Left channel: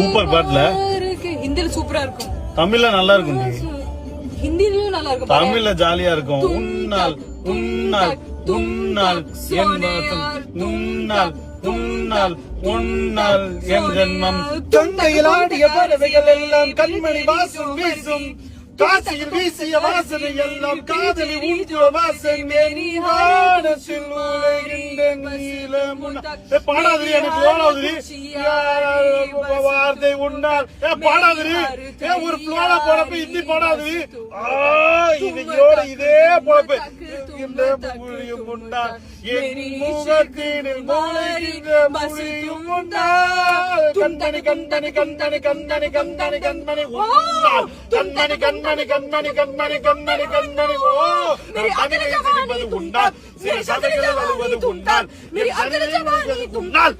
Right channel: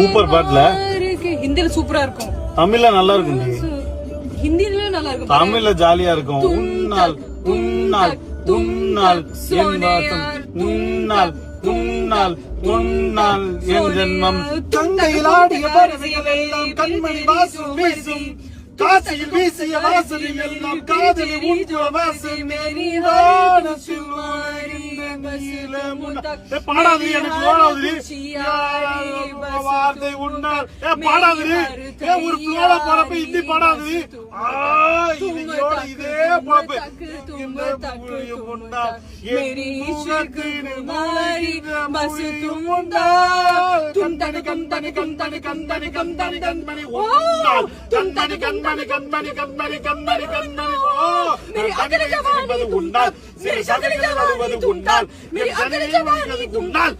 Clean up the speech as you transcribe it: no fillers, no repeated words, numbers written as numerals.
Super பாட்டுல ஹிந்தில சூப்பரா இருக்கும், தமிழ்ல நல்லா இருக்கும் ஜி. ஹிந்திலயும் நல்லா இருக்கும். தமிழ்ல ஜாலியா இருக்கும். உன்னால் உன்னால் உன்னால் என் வாசம், உன்னால் உன்னால் உன்னால் என் ஜென்மம். கங்கையில் ஆடிய பறவைகள் எல்லாம் கண்மணி வாசம் வீசும், காசியில் வீசிய வாசனை எல்லாம் காதலி உன்குல வாசனை. வானத்தில் உலகின்ற நீலமுன்னா. பாடாது எனக்கு ஓடாது வார்த்தை உன்னால். பாடாது ஒரு புலோட போறப்ப ஹிந்தி பாடாது. இதோட இதே போறப்ப கண்மணி கண்மணி கண்மணி கண்மணி கண்மணி கண்மணி உன்னால் கண்மணி கண்மணி கண்மணி கண்மணி கண்மணி கண்மணி. ஓ கண்மணி உன்னால் சிறு சதைகள் வருவது உன்னால், உன்னால்